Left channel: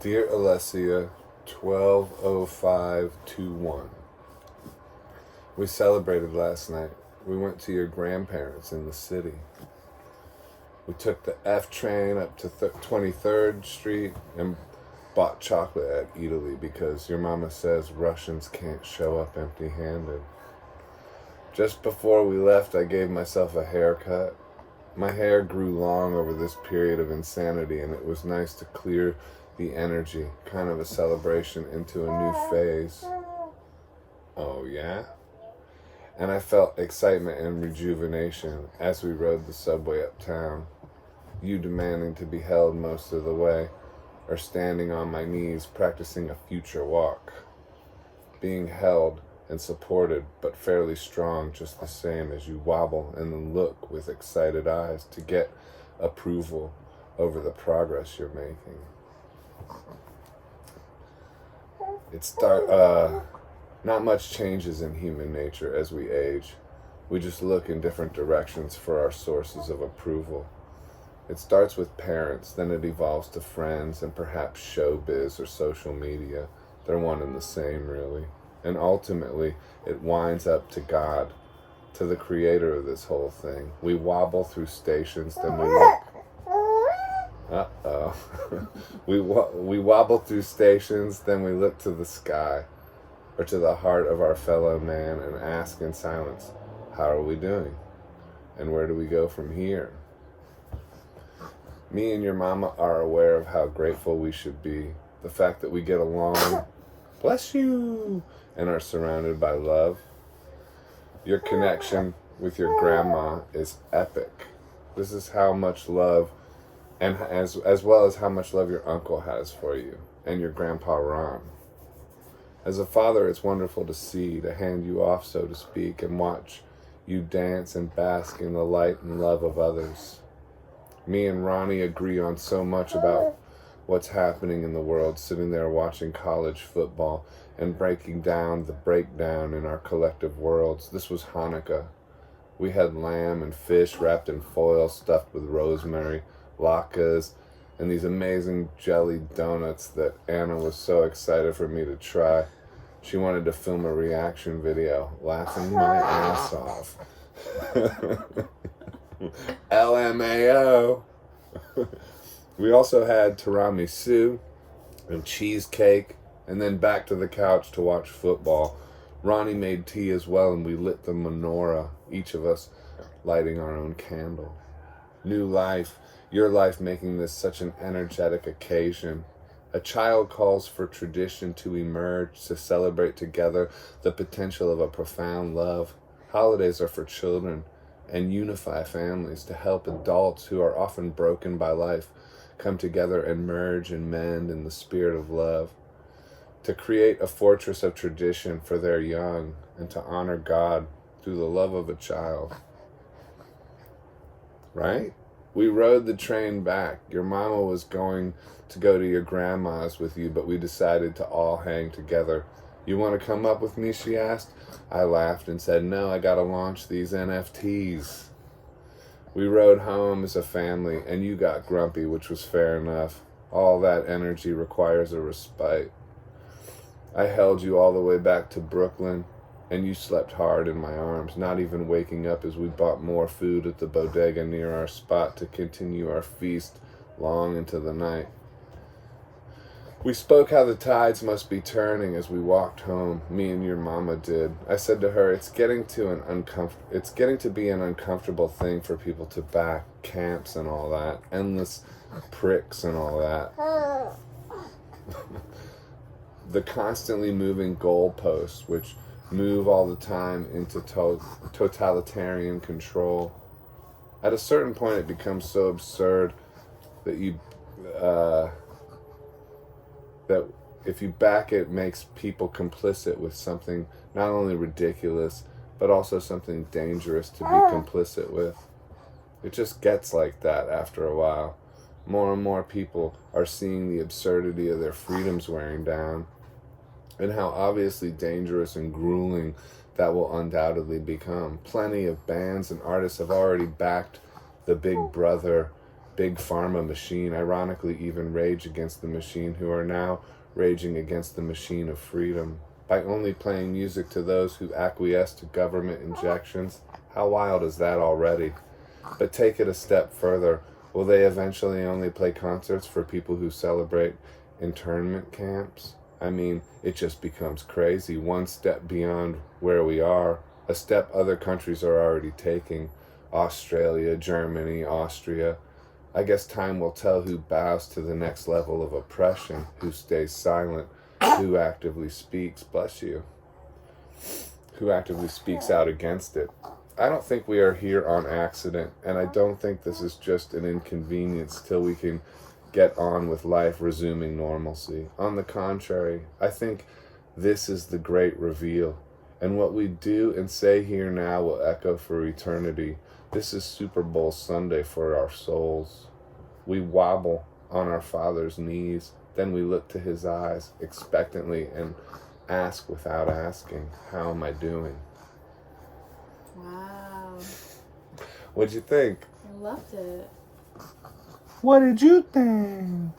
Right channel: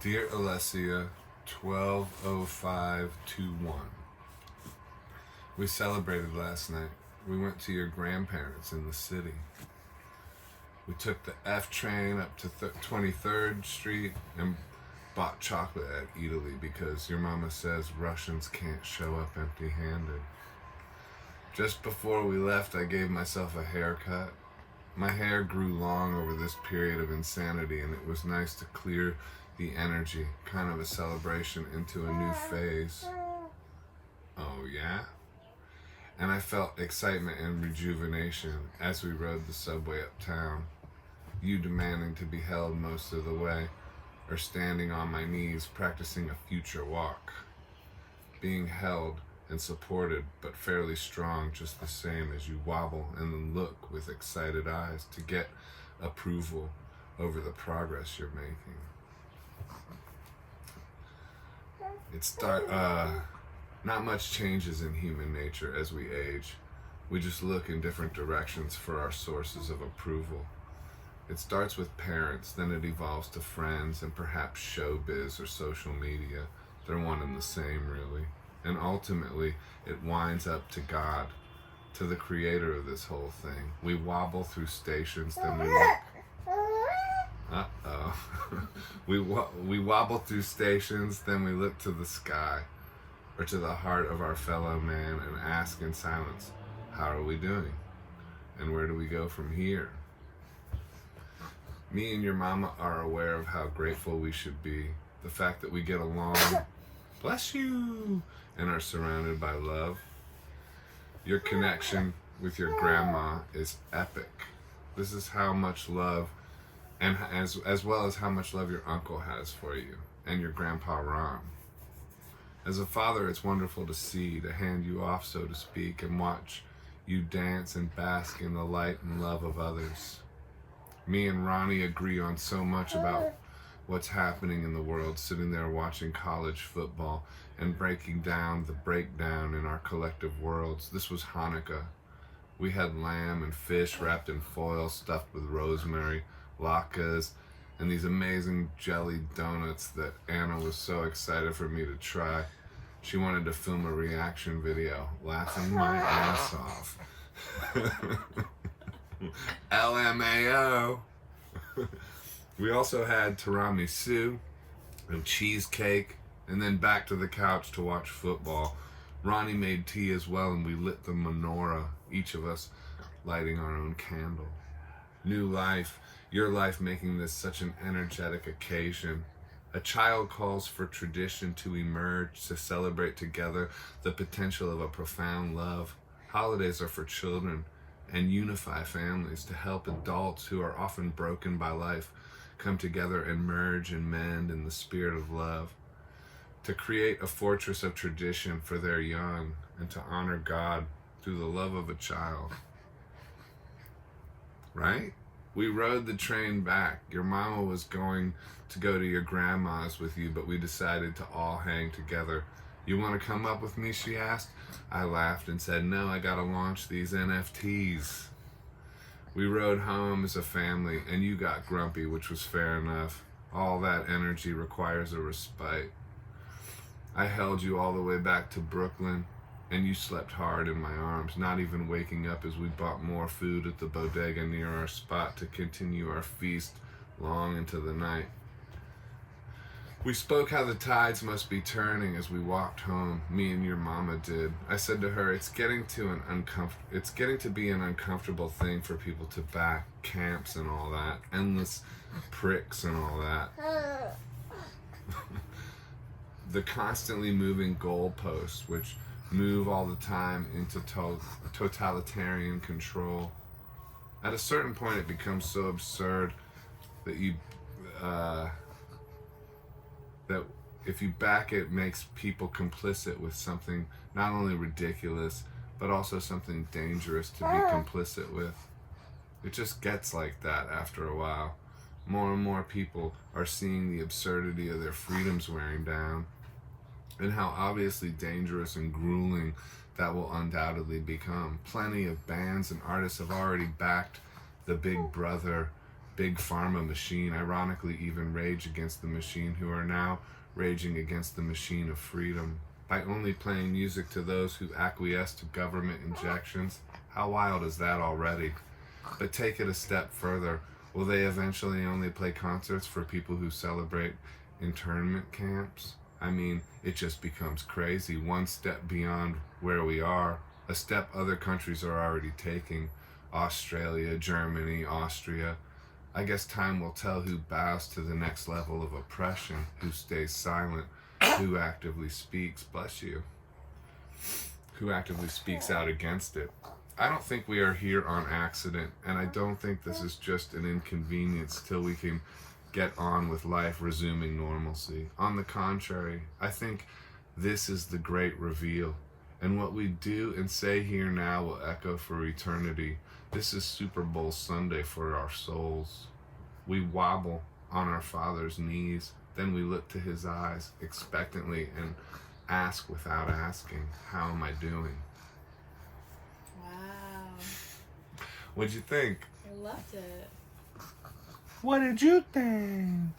Dear Alessia, 12:05:21. We celebrated last night. We went to your grandparents in the city. We took the F train up to 23rd Street and bought chocolate at Italy because your mama says Russians can't show up empty-handed. Just before we left, I gave myself a haircut. My hair grew long over this period of insanity, and it was nice to clear the energy, kind of a celebration into a new phase. Oh, yeah? And I felt excitement and rejuvenation as we rode the subway uptown, you demanding to be held most of the way, or standing on my knees practicing a future walk. Being held and supported, but fairly strong just the same as you wobble and then look with excited eyes to get approval over the progress you're making. Not much changes in human nature as we age. We just look in different directions for our sources of approval. It starts with parents, then it evolves to friends, and perhaps showbiz or social media. They're one and the same, really. And ultimately, it winds up to God, to the creator of this whole thing. We wobble through stations, then we look. We wobble through stations, then we look to the sky, or to the heart of our fellow man, and ask in silence, how are we doing? And where do we go from here? Me and your mama are aware of how grateful we should be. The fact that we get along, bless you, and are surrounded by love. Your connection with your grandma is epic. This is how much love, and as well as how much love your uncle has for you, and your grandpa Ron. As a father, it's wonderful to see, to hand you off, so to speak, and watch you dance and bask in the light and love of others. Me and Ronnie agree on so much about what's happening in the world, sitting there watching college football and breaking down the breakdown in our collective worlds. This was Chanukah. We had lamb and fish wrapped in foil, stuffed with rosemary, latkes, and these amazing jelly donuts that Anna was so excited for me to try. She wanted to film a reaction video, laughing my ass off. LMAO. We also had tiramisu and cheesecake, and then back to the couch to watch football. Ronnie made tea as well, and we lit the menorah, each of us lighting our own candle. New life, your life making this such an energetic occasion. A child calls for tradition to emerge, to celebrate together the potential of a profound love. Holidays are for children and unify families, to help adults who are often broken by life come together and merge and mend in the spirit of love, to create a fortress of tradition for their young, and to honor God through the love of a child. Right? We rode the train back. Your mama was going to go to your grandma's with you, but we decided to all hang together. You want to come up with me, she asked. I laughed and said, no, I gotta launch these NFTs. We rode home as a family, and you got grumpy, which was fair enough. All that energy requires a respite. I held you all the way back to Brooklyn, and you slept hard in my arms, not even waking up as we bought more food at the bodega near our spot to continue our feast long into the night. We spoke how the tides must be turning as we walked home. Me and your mama did. I said to her, it's getting to be an uncomfortable thing for people to back camps and all that, endless pricks and all that. The constantly moving goalposts, which move all the time into totalitarian control. At a certain point, it becomes so absurd that that if you back it, makes people complicit with something not only ridiculous, but also something dangerous to be complicit with. It just gets like that after a while. More and more people are seeing the absurdity of their freedoms wearing down, and how obviously dangerous and grueling that will undoubtedly become. Plenty of bands and artists have already backed the Big Brother, big pharma machine, ironically even rage against the machine, who are now raging against the machine of freedom by only playing music to those who acquiesce to government injections. How wild is that already? But take it a step further. Will they eventually only play concerts for people who celebrate internment camps? I mean, it just becomes crazy. One step beyond where we are, a step other countries are already taking. Australia, Germany, Austria. I guess time will tell who bows to the next level of oppression, who stays silent, who actively speaks, bless you, who actively speaks out against it. I don't think we are here on accident, and I don't think this is just an inconvenience till we can get on with life resuming normalcy. On the contrary, I think this is the great reveal, and what we do and say here now will echo for eternity. This is Super Bowl Sunday for our souls. We wobble on our Father's knees, then we look to his eyes expectantly and ask without asking, how am I doing? Wow. What'd you think? I loved it. What did you think?